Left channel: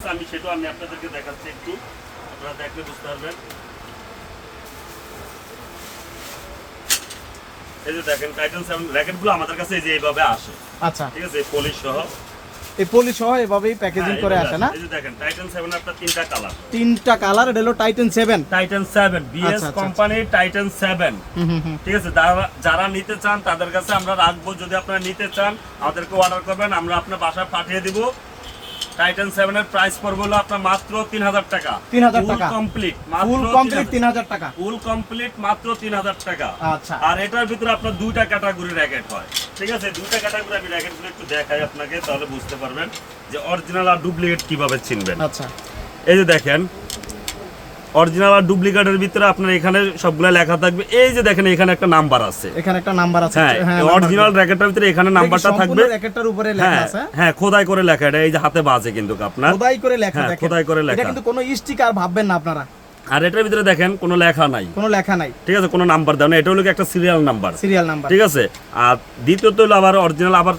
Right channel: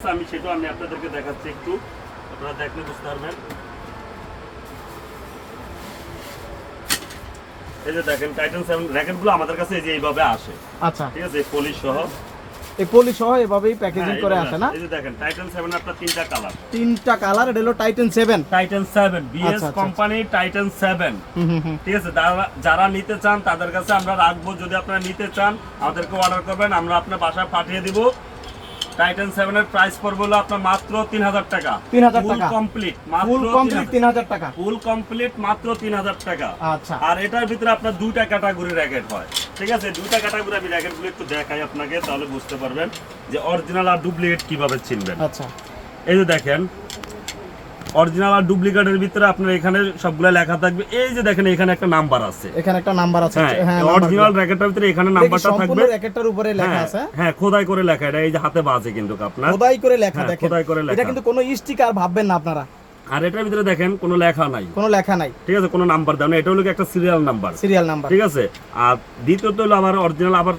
আমি আমি আপনাদেরকে দেখাচ্ছি একটু। আপনারা দেখলে বুঝতে পারবেন। এই যে দেখেন টাইটান র্যাকেটগুলো আমাদের কাছে এই যে এইভাবে আসে। আচ্ছা। ঠিক আছে পলিশ সহ। এই পলি সহ এভাবেই প্যাকেজিং হ্যাঁ, করে আসে না? এই যে দেখেন টাইটান সেভেন আপনার তিনটা কালার তিনটা কালার এটা হলো Titan seven Titan seven BS আচ্ছা, আচ্ছা, কোম্পানি টাইটান হুম ঠিক আছে যারা- যারা নিতে চান তাদের কাছে আমরা রাখব। যদি আপনারা নিতে চান আমাদেরকে অর্ডার করবেন আমরা আপনার বাসায় পাঠিয়ে দিব। টাইটান 7 এর প্রাইস পড়বে হলো আপনার মাত্র তিন হাজার টাকা। 3,000 ফুল কমপ্লিট ফুল কমপ্লিট তিন হাজার টাকা। ফুল কমপ্লিট মাত্র তিন হাজার টাকা। আচ্ছা। আর এটার ভিতরে আপনার দুইটা ক্যাটাগরি র্যাকেট হয়। ঠিক আছে? দুইটা ক্যাটাগরি আমি র্যাকেটগুলো একটু দেখাই আপনাকে তাহলে বুঝতে পারবেন যে অরিজিনাল আর ডুপ্লিকেট কীভাবে চিনবেন। আচ্ছা। এই যে দেখেন অরিজিনাল আর ডুপ্লিকেটের ভিতরে আপনার এখানে সবগুলো লেখা থাকবে। এই যে দেখেন এখানে একটা নাম্বার আছে। এখানে একটা নাম্বার আছে। হ্যাঁ অরিজিনাল র্যাকেটের ভিতরে এখানে নাম্বারটা থাকবে। র্যাকেটটার উপরে লেখা হ্যাঁ আছে। হ্যাঁ খোদাই করে লেখা এটা এই যে হাতে বাজে কিন্তু আপনার। খোদাই করে লেখা হ্যাঁ, দেখেন। খোদাই করে লেখা। এটা কিন্তু কোনো স্টিকার ভাববেন না আপনারা। আর এটার ভিতরে দেখেন কোনো লেখা নাই। কোনো লেখা নাই। ঠিক আছে কোনো নাম্বার দেওয়া না এটা হলো কি একটা সিরিয়াল নাম্বার সিরিয়াল নাম্বার ঠিক আছে? আর দ্বিতীয়ত হলো আবার অরিজিনাল আবার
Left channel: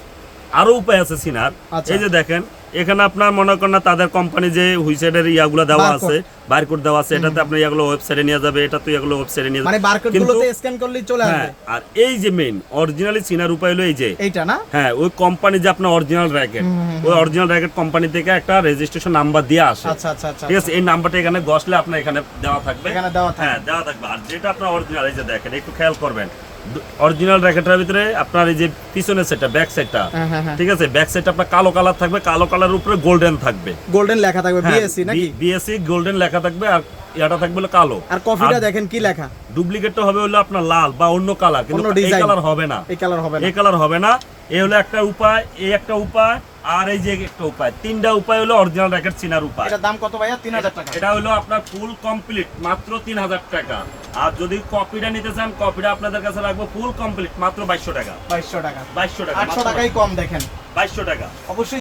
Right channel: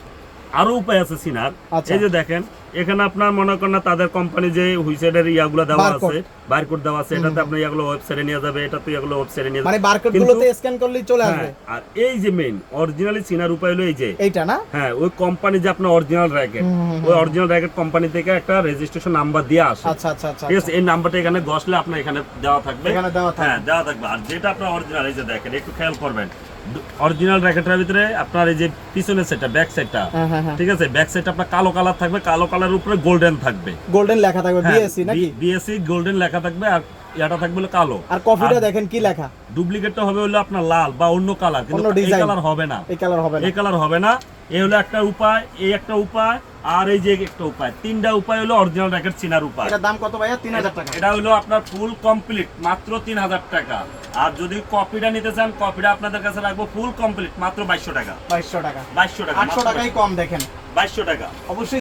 আরও উপায় আছে সিনার। আচ্ছা। এই যে দেখেন এখানে আপনার মনে করেন না তাদের কোম্পানি যে হুইসাইডের ইয়াগুলো দেওয়া আছে বারকোড দেওয়া আছে এটাতে আপনি ইয়াগুলো ওয়েবসাইটে নিয়ে যাবে এটা তো ইয়াগুলো ওয়েবসাইটে নিয়ে মানে বারকোড গুলোতে স্ক্যান করলেই চলে আসবে। হ্যাঁ আর এই যে মেইন অরিজিনালি চিনার উপায় হলো এই যে এইটা না? হ্যাঁ ওই কোম্পানি যে আপনার অরিজিনাল র্যাকেট ওই অরিজিনাল র্যাকেট কোম্পানি থেকে একটা রেজিস্ট্রেশন নাম্বার দিয়ে আসে। আচ্ছা আচ্ছা আচ্ছা ঠিক আছে এই নাম্বারটা এখানে বসলে আপনার এখানে দেওয়া থাকবে। এখানে দেওয়া থাকবে। হ্যাঁ দেওয়া থাকবে। আর যেটা আপনার অরিজিনাল এই যে দেখেন একটু খেয়াল করবেন। অরিজিনাল র্যাকেটের ভিতরে আপনার এই যে পিছনের সেটটা ব্যাক সেটটা হ্যাঁ হ্যাঁ হ্যাঁ। ঠিক আছে? ব্যাক সেটটা আপনার কালো কালার থাকবে কালো কালার উপরে গোল্ডেন থাকবে। গোল্ডেন লেখা থাকবে হ্যাঁ, বিএসসি নাকি? বিএসসি গোল্ডেন লেখা থাকবে আর এটা থাকবে হলো কালো। আর কফিটা দেখেন কি লেখা। ডুপ্লিকেটটা হবে হলো আপনার লাল বা অন্য কালার কিন্তু এই কালার হবে না। এই কালার হবে না। এই কালার হবে না। এই হলো একটা উপায় এই একটা উপায় আর এই যে একটা উপায়। তিনটা উপায় হলো অরিজিনাল র্যাকেট চিনার উপায়। এটার দাম কত ভাইয়া? তিন হাজার টাকা। এটা হলো আপনার ফুল কমপ্লিট মাত্র তিন হাজার টাকা। আর যদি কপিটা নিতে চান কপিটা আপনাদের কাছে রাখব ফুল কমপ্লিট মাত্র বাইশশো টাকা। বাইশশো টাকা। বাইশশো টাকা আটশো টাকাই কম দেখেন। বাইশশো টাকা। অবশ্যই